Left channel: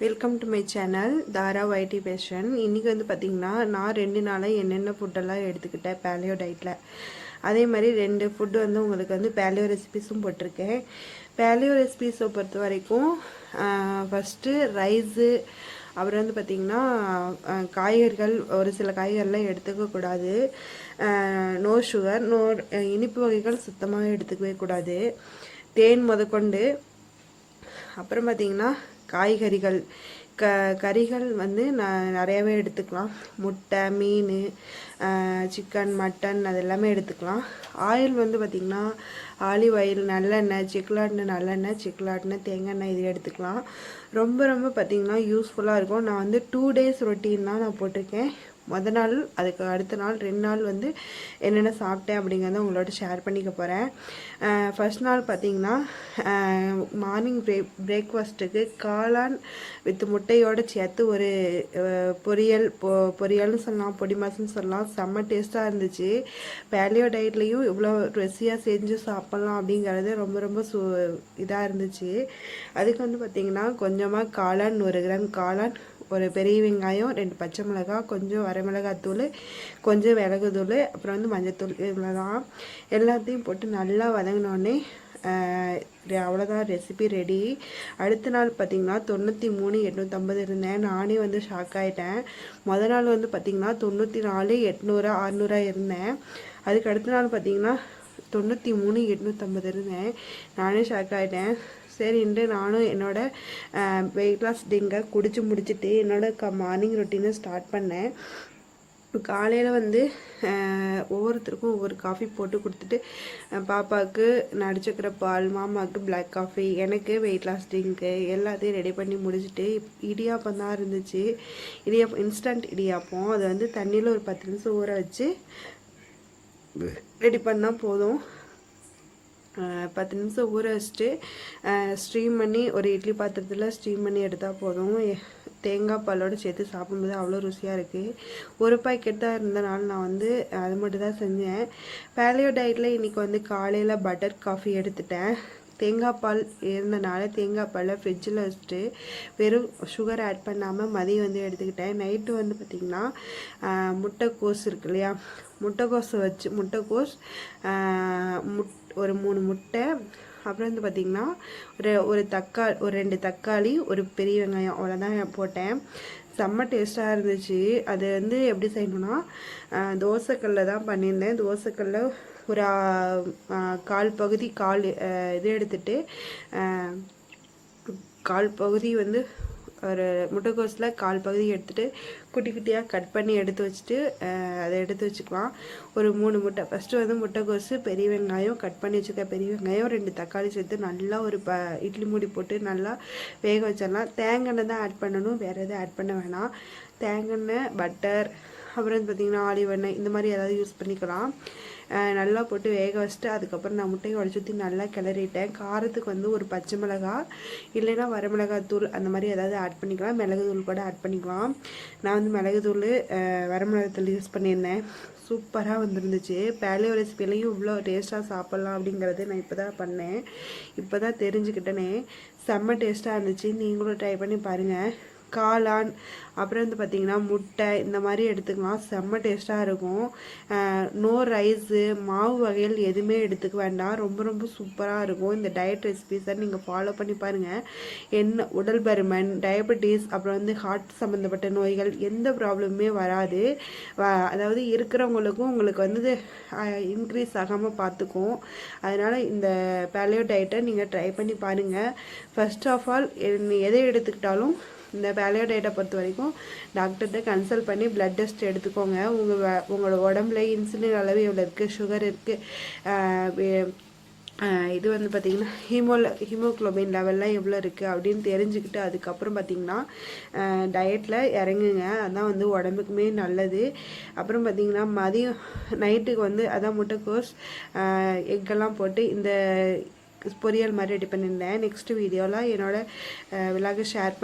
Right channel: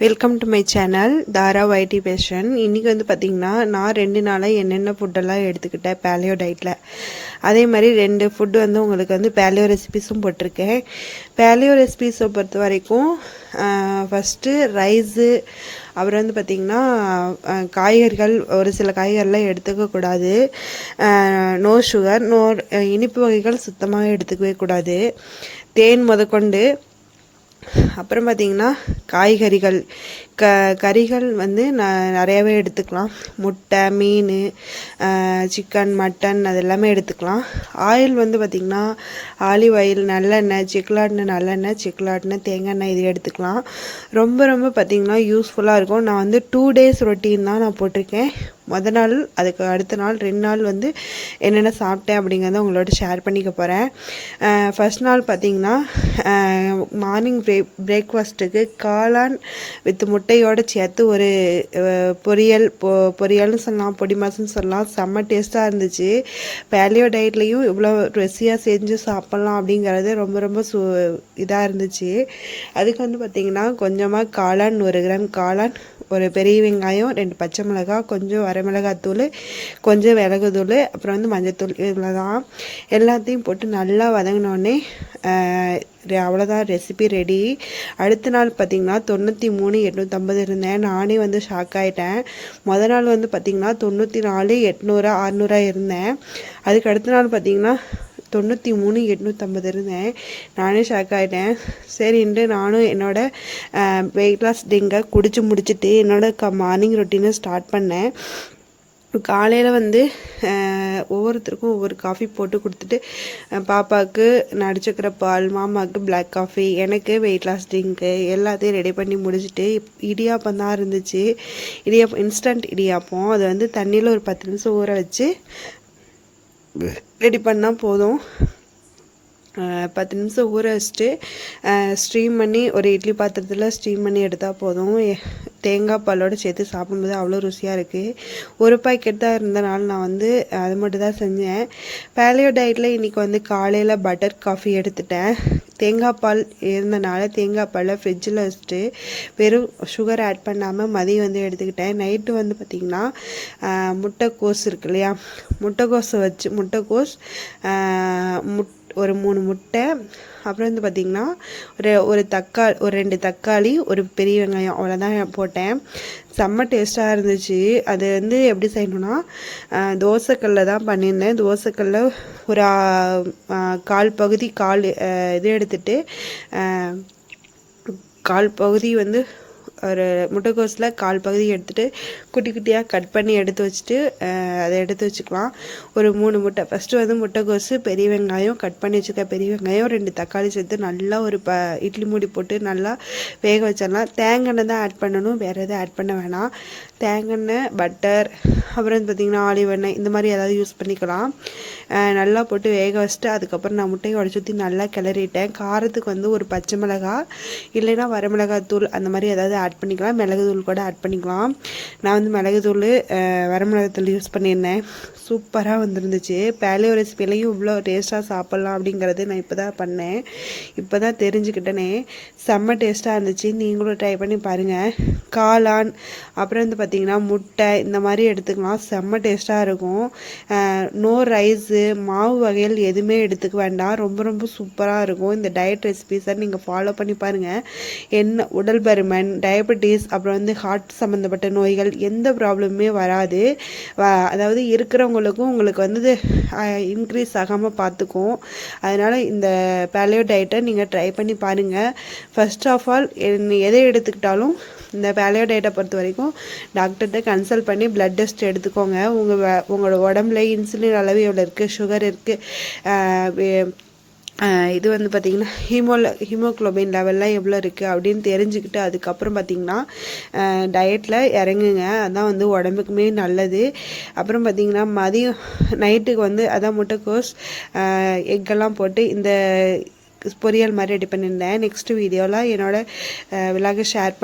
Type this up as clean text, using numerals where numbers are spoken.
Welcome to my channel Thara வைட்டி fashion. இன்றைக்கி வந்து பார்த்திங்கன்னா நான் 2 நாளாக என்னென்ன ஃபுட்டெல்லாம் எடுத்துக்கிட்டேன் பேலியோ டயட்டில். அதே மாதிரி 2 ஃபுட்டு வந்து உங்களுக்கு வந்து பேலியோ ரெசிபீஸும் போட்டிருக்கேன். பேலியோ ரெசிபீஸை பொறுத்த வரைக்கும் ஃபஸ்ட்டு ரைஸு, அப்புறம் வந்து பார்த்திங்கன்னா காய்கறிகள், ஒரு சில காய்கறிலாம் எடுத்துக்கக்கூடாது. நோ சுகர், நோ இனிப்பு வகைகள் சுத்தமாக எடுத்துக்கவே கூடாது, தேன் முதற்கொண்டு. அப்புறம் பார்த்திங்கன்னா காய்கறிகள், கறிகள் வந்து நிறையாவே எடுத்துக்கலாம். முட்டை, மீன், சிக்கன், மட்டன் அது எல்லாமே எடுத்துக்கலாம். ஆயில் வந்து பார்த்திங்கன்னா ஆலிவ் ஆயில், நல்லெண்ணெய், செக்குலாட்டின நல்லெண்ணெய், செக்குலாட்டின தேங்காய் எண்ணெய் இது எடுத்துக்கலாம். ரொம்ப ரொம்ப பார்த்திங்கன்னா யூஸ்ஃபுல்லாக இருக்கும். நான் வந்து 2 டேஸ் ரொட்டீன் தான் நான் போட்டிருக்கேன். மொதல் நாள், அதுக்கு அடுத்த நாள் 2 நாள் வந்து என்னென்ன சாப்பிட்டேன் அப்படிங்கிறத உங்களோட ஷேர் பண்ணிக்க போகிறேன். ஃபஸ்ட் நாள் பார்த்திங்கன்னா மார்னிங் பிரேக்ஃபாஸ்ட்டுக்கு காளான் வித் முட்டையோடு சேர்த்து ஒரு பொரியல்னு சொல்லலாம், பொடி மாசுன்னு சொல்லலாம். செம்ம டேஸ்ட்டாக இருந்துச்சு. பேலியோ டயட்லேயும் இவ்வளோ ருசியாக செஞ்சு சாப்பிட்லாம் அப்படிங்கிறது ரொம்ப ரொம்ப இதாக இருந்துச்சு. அதுக்கு வந்து பார்த்திங்கன்னா கொஞ்சமாக காளான், 1 கிராம் காளான், ஒரு பெரிய வெங்காயம், 2 பச்சை மிளகாய், கொஞ்சம் வரமிளகாத்தூள், கொஞ்சம் மிளகுத்தூள், அப்புறம் வந்து மஞ்சத்தூள், இதில் தான் எல்லாத்தையும் போட்டு நல்லா வதங்கினோடனே அவ்வளோதான், ரெசிபி ரெடி. அடுத்த நாள் பார்த்திங்கன்னா 93,850 இருந்தேன். நானே வந்து ஷாக் ஆகிட்டேன். மொதல் நாள் வந்து பார்த்திங்கன்னா 94,800 600 இருந்தேன். அதுக்கு அடுத்த நாள் பார்த்திங்கன்னா 93,850 இருந்தேன். நானே ஷாக் ஆகிட்டேன். சரின்ட்டு நானும் என்னோடய வெயிட் லாஸ் ட்ரிங்கை குடிச்சு முடிச்சுட்டு என்னோடய மார்னிங் ரொட்டீனை ஸ்டார்ட் பண்ணேன். காலையில் வந்து ஒவ்வொருத்தருக்கும் ஒவ்வொரு காஃபி போட்டு கொடுத்துட்டு, பாப்பாவுக்கு நடிச்சுக்கிற பால், மாமாவுக்கு பிளாக் காஃபி, எனக்கு வெயிட் லாஸ் ட்ரிங்க்கு எல்லாத்தையும் ரெடி பண்ணி முடிச்சுட்டு இடியாப்பம் தான் இருந்துச்சு. இடியாப்பம், இன்ஸ்டன்ட் இடியாப்பம். அது வந்து தண்ணியில் ஒரு 10 நிமிஷம் ஊற வச்சு ரெடி பண்ணால் போதும். 10 நிமிஷம் ஊற வச்சுட்டு ஸ்ட்ரீம் பண்ணி ஒரு இட்லி பாத்திரத்தில் ஸ்ட்ரீம் பண்ணி எடுத்தால் போதும். தேங்காய் பாலோடு சேர்த்து சாப்பிடும்போது அவ்வளோ ருசியாக இருக்குது. ஒரு பாக்கெட் தான் இருந்தனால நான் வந்து அது மட்டும் தான் செஞ்சேன். பேலியோ டயட்டில் இன்றைக்கி வந்து காலையில் பட்டர் காஃபி எடுத்துட்டேன். தேங்காய் பால் இருந்தனால தேங்காய் பாலை ஃப்ரிட்ஜில் வச்சுட்டு வெறும் சுகர் ஆட் பண்ணாமல் மதியம் வந்து எடுத்துக்கிட்டேன். நைட்டு வந்து பார்த்திங்கன்னா முட்டைக்கோஸ் இருக்கு இல்லையா, முட்டைக்கோஸை வச்சு முட்டைக்கோஸ், ஒரு 3 முட்டை, அப்புறம் வந்து பார்த்திங்கன்னா ஒரு 2 தக்காளி, ஒரு பெரிய வெங்காயம், அவ்வளோதான் போட்டேன். செம்ம டேஸ்ட்டாக இருந்துச்சு. அது வந்து எப்படி செய்யணுன்னா, தோசைக்கல்லில் தான் பண்ணியிருந்தேன். தோசைக்கல்லில் ஒரு 1/4 பகுதி இது எடுத்துகிட்டு 1/4 பகுதி வந்து ஒரு முட்டைக்கோஸில் 1/4 பகுதி எடுத்துகிட்டு குட்டி குட்டியாக கட் பண்ணி எடுத்து வச்சுட்டு அதை எடுத்து வச்சுக்கலாம். ஒரு 3 முட்டை, ஃபஸ்ட்டு வந்து முட்டைக்கோஸு, பெரிய வெங்காயம், கட் பண்ணி வச்சுக்க பெரிய வெங்காயம், 2 தக்காளி சேர்த்து நல்லா ஒரு இட்லி மூடி போட்டு நல்லா வேக வச்சிடலாம். தேங்காய் தான் ஆட் பண்ணணும், வேறு எதுவும் ஆட் பண்ண வேணாம். தேங்காய், பட்டர், அப்புறம் வந்து பார்த்திங்கன்னா ஆலிவ் எண்ணெய், இந்த மாதிரி ஏதாவது யூஸ் பண்ணிக்கலாம். நல்லா போட்டு வேக வச்சுட்டு அதுக்கப்புறம் நான் முட்டையை உடச்சி ஊற்றி நல்லா கிளறிட்டேன். காரத்துக்கு வந்து ஒரு பச்சை மிளகாய் இல்லைன்னா வரமிளகாத்தூள் அந்த மாதிரி ஏதாவது ஆட் பண்ணிக்கலாம். மிளகுத்தூள் கூட ஆட் பண்ணிக்கலாம். நான் வந்து மிளகுத்தூள், வரமிளகாத்தூள் யூஸ் பண்ணியிருந்தேன். சூப்பராக வந்துருந்துச்சு. பேலியோ ரெசிபிலையும் இவ்வளோ டேஸ்ட்டாக சாப்பிட்லாம் அப்படிங்கிறது நான் இப்போ தான் பண்ணேன், இப்போ தான் தெரிஞ்சுக்கிட்டேனே. செம்ம டேஸ்ட்டாக இருந்துச்சு. நீங்களும் ட்ரை பண்ணி பாருங்கள். காளான், அப்புறம் வந்து பார்த்திங்கன்னா முட்டை, இந்த மாதிரி எடுத்துக்கலாம். செம்ம டேஸ்ட்டாக இருக்கும். நோ ரைஸு, மாவு வகைகள் எதுவுமே எடுத்துக்க வேண்டாம். ரொம்ப ரொம்ப சூப்பராக இருக்கும். இந்த டயட் ரெசிபிஸை நீங்கள் ஃபாலோ பண்ணி பாருங்கள். என்ன உடல் பருமன், டயபெட்டிஸ், அப்புறம் வந்து ஹார்ட் சம்மந்தப்பட்ட நோய்கள் எந்த ப்ராப்ளமுமே வராது. அதாவது இருக்கிறவங்களுக்கும் உங்களுக்கு வந்து இன்க்ரீஸ் ஆகாமல் பார்த்துக்கும். அதனால் இந்த பேலியோ டயட்டை நீங்கள் ட்ரை பண்ணி பாருங்கள். ஃபர்ஸ்ட் ஆஃப் ஆல் எதை எடுத்துக்கிட்டாலும் இந்த பேலியோ டயட்டை பொறுத்த வரைக்கும் டாக்டர்கிட்ட கன்சல்ட் பண்ணி பிளட் டெஸ்ட் எடுத்துக்கோங்க. உங்களோட உடம்புல இன்சுலின் அளவு எவ்வளோ இருக்குது, சுகர் இருக்குது, இது வந்து பார்த்திங்கன்னா ஹீமோக்ளோபின் லெவல்லாம் எவ்வளோ இருக்குது அப்படின்னு தெரிஞ்சுக்கிட்டு அதுக்கப்புறம் பார்த்திங்கன்னா டயட்டில் இறங்குங்க. அதான் வந்து உடம்புக்குமே நல்லது. அப்புறம் பார்த்திங்கன்னா மதியம் நைட்டுக்கு வந்து அதான் முட்டைக்கோஸ், எக்கெல்லாம் போட்டு இந்த பொரியல் மாதிரி ரெடி பண்ணியிருந்தேன். நெக்ஸ்ட் வீடியோவில் என்னோடய விலாகை ஷேர்